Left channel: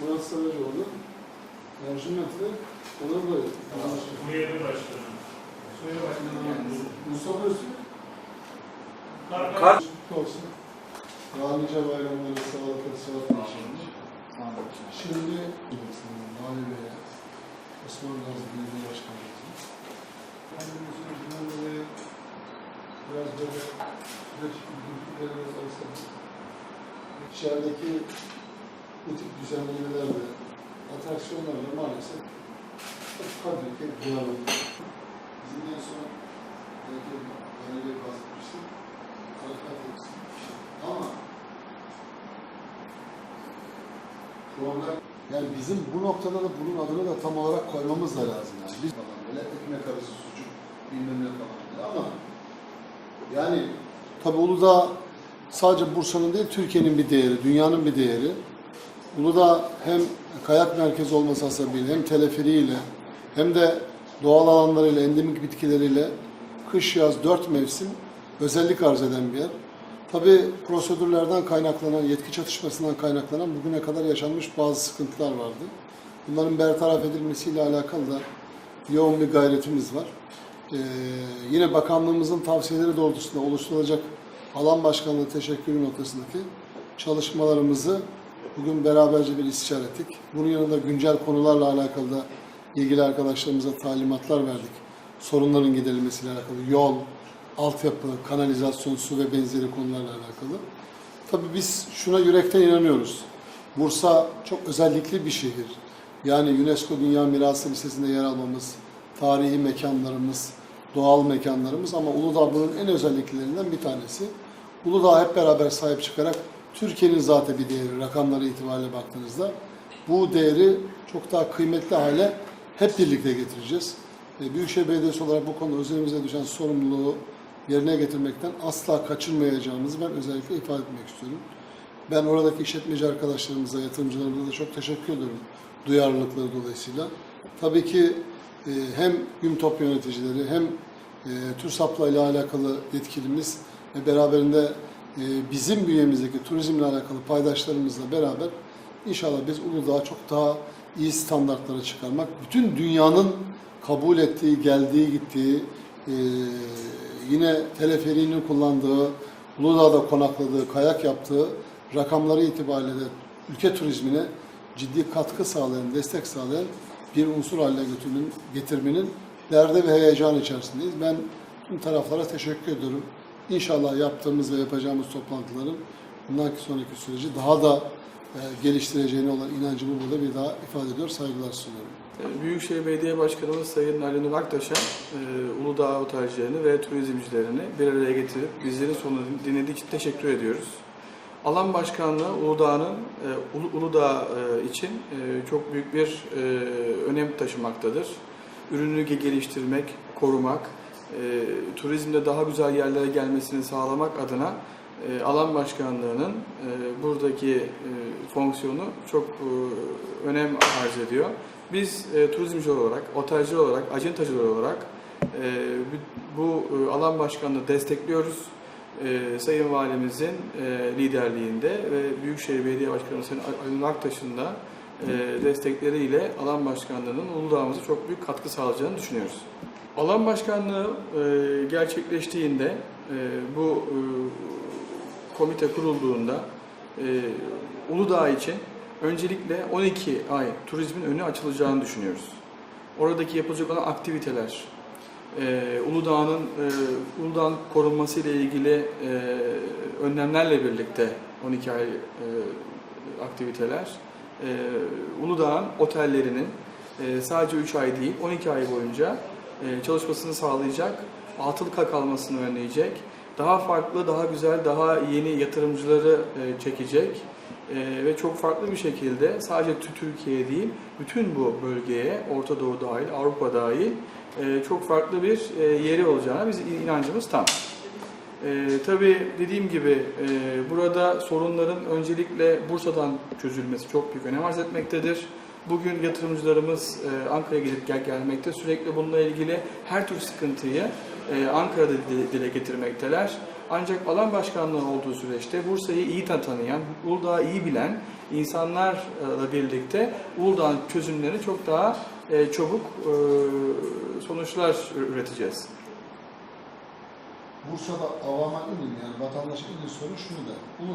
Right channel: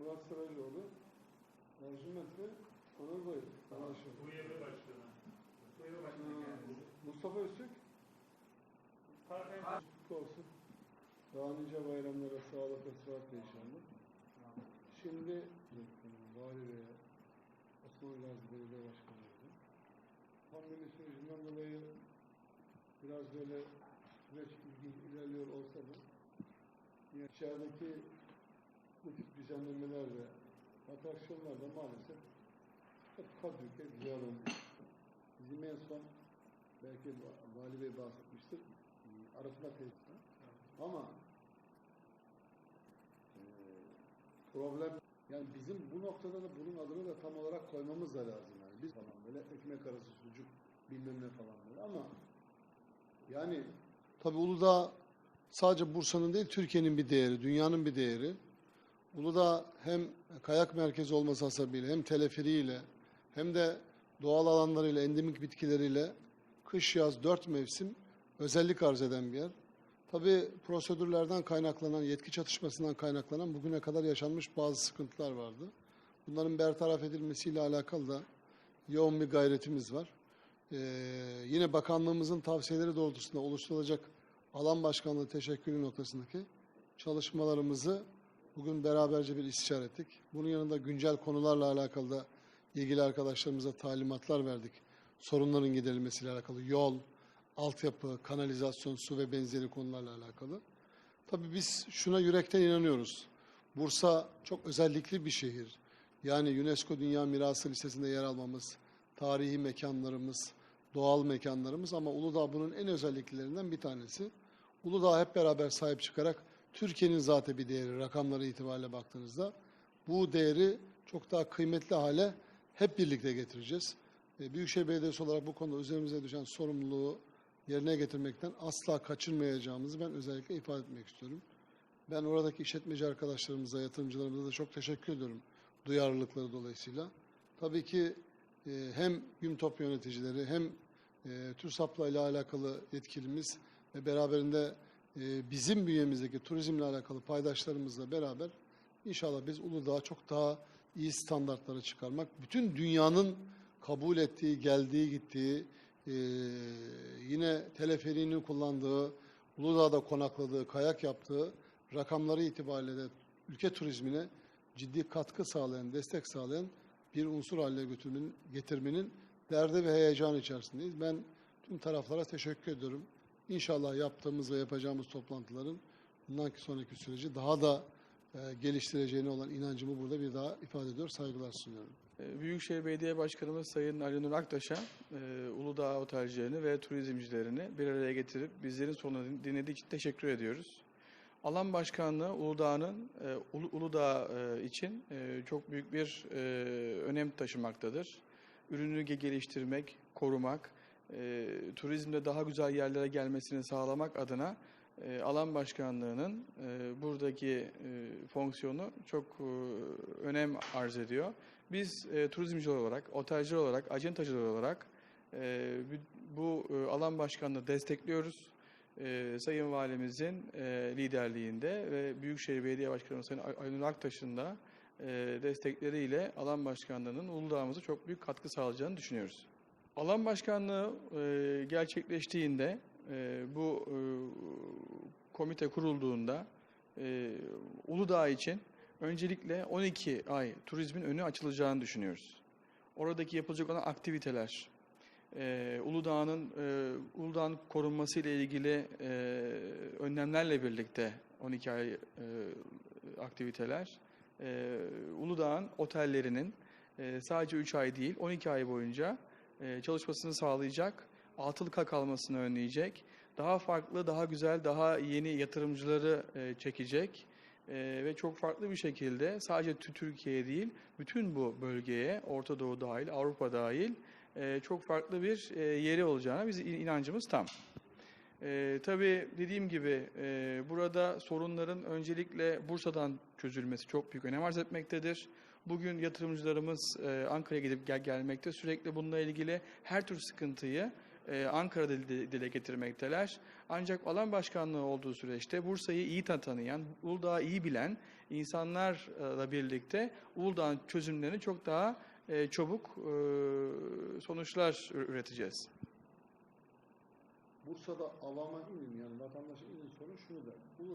Murat Saracoğlu, Ercüment'le Onur Bey. Uyarı başkanı. Söyle başkanım. Mustafa Öztürk. Kar. Olsun. Daha nice bayramları sağlık ve sıhhat inşallah. Şimdi Nali Bey'e, Osman Gazi Belediye Başkanımız'a. Yani bu süreçten dolayı biraz böyle süreç bilgileri alırsak içerideki bu tip düzenlemelerle, atraksiyonlarla maalesef hep kadri, hep duyarlı. Bizim en son belki Ali Bey bahsetmişti. Hareket etsin. Ama problem yani bizim bu noktada da bunun adını da tam olarak koymamız da lazım yani. Biz falan böyle ekmek arası sucuk bilmem ne falan böyle ama yani tabi Uludağ sadece Bursa'nın değil Türkiye'nin bir değeri, dünyanın bir değeri. Uludağ hem kayak merkezi olması hasebiyle hem teleferiğiyle hem de doğal alanlarıyla, endemik bitkileriyle kış yaz dört mevsim özellik arz eden bir yer. Tabi prosedürlerden kaynaklanan, yetki çatışmasından kaynaklanan bugüne kadar yaşanmış bazı sıkıntılar vardı. Bunların bertaraf edilmesiyle alakalı da yoğun bir gayretimiz var. Ee, yine bakanlığımızın tavsiyeleri doğrultusunda oluşturulacak alan başkanlığı teşekkürü noktasındaki çalışmalarımızı bugün beraberce bir istişare ettik. Bunun yanında güncel konularla alakalı da ilgili arkadaşlarımıza talimatlar verdik. Sorunların giderilmesiyle alakalı yol, altyapı, kanalizasyon, su ve benzeri konularla alakalı. Tabii biz şuna yürekten inanıyoruz. Bursa çok özellikli bir şehir. Yani UNESCO Dünya Mirası listesinde yer almamız, tarihi mekanlarımız, doğal mekanlarımız ama Uludağ bunun en özelliklerinden bir tanesi. Uludağ hep beraber sahip çıkarak Türkiye'nin zaten bir değeri, rakamları itibariyle baktığınızda bu değeri çok daha kıymetli hale hep birlikte getireceğiz. Büyükşehir Belediyesi olarak bu konuda üzerimize düşen sorumluluğu yerine getirmekten asla kaçınmayacağımızı ben özellikle ifade etmek istiyorum. Ben oradaki işletmeci arkadaşlarımıza, yatırımcılarımıza da çok teşekkür ediyorum duyarlılıkları dolayısıyla. Tabii ki e, hem GÜMTOP yöneticileri hem e, TÜRSAP'la ile alakalı yetkilimiz ve beraberinde bizim bünyemizdeki turizmle alakalı paydaşlarımızla beraber inşallah biz Uludağ'a çok daha iyi standartlara çıkarmak, bütün dünyanın kabul ettiği, geldiği, gittiği, e, yine teleferiğini kullandığı, Uludağ'da konakladığı, kayak yaptığı rakamları itibariyle de ülke turizmine ciddi katkı sağlayan, destek sağlayan bir unsur haline getirmenin derdi ve heyecan içerisindeyiz. Ben tüm taraflara teşekkür ediyorum. İnşallah yaptığımız ve yapacağımız toplantıların bundan sonraki süreci daha da e, geliştireceğine olan inancımı burada bir daha ifade ediyor, saygılar sunuyorum. Büyükşehir Belediye Başkanımız Sayın Ali Nur Aktaş'a e, Uludağ otelcilerini ve turizmcilerini bir araya getirip bizlerin sonunu dinlediği için teşekkür ediyoruz. Alan Başkanlığı Uludağ'ın e, Ulu- Uludağ e, için e, çok büyük bir e, önem taşımaktadır. Ürünü ge- geliştirmek, korumak, e, turizmde daha güzel yerlere gelmesini sağlamak adına e, alan başkanlığının e, buradaki e, fonksiyonu çok e, önem arz ediyor. Biz e, turizmci olarak, otelci olarak, acentacılar olarak e, bu, e, alan başkanlığı destekliyoruz. E, Sayın Valimizin e, liderliğinde ve Büyükşehir Belediye Başkanı Sayın Ali Aktaş'ın da e, destekleriyle alan başkanlığının Uludağ'ımıza çok büyük katkı sağlayacağını düşünüyoruz. Alan başkanlığı e, gerçekleştiğinde e, bu e, komite kurulduğunda e, Uludağ için öncelikle 12 ay turizmin önü açılacağını düşünüyoruz. Oradaki yapılacak olan aktiviteler, e, Uludağ'ın e, Uludağ'ın korunması ile ilgili e, önlemlerle birlikte 12 ay e, aktiviteler, e, Uludağ'ın otellerinin e, sadece 3 ay değil 12 ay boyunca çalışmasını sağlayacak, atıl kalmasını önleyecek, daha farklı, daha güzel, daha yeni yatırımcıları e, çekecek e, ve çok farklı bir şekilde sadece tü- Türkiye değil, bütün bu bölgeye, Orta Doğu dahil, Avrupa dahil e, çok farklı bir e, yeri olacağına biz inancımız tam. E, tabii dediğim gibi e, burada sorunların öncelikle Bursa'dan çözülmesi çok büyük önem arz etmektedir. Bugün yatırımcılarımız e, Ankara'ya gidip gel gelmekte. Sürekli bununla ilgili her tür sıkıntıyı e, Ankara'da dile- getirmekteler. Ancak alan başkanlığı olduğu süreçte Bursa'yı iyi tanıyan, Uludağ'ı iyi bilen insanlarla birlikte Uludağ'ın çözümlerini çok daha e, çabuk sonuçlar üreteceğiz. Bursa'da avama inin yani vatandaşa inin soru şunu da.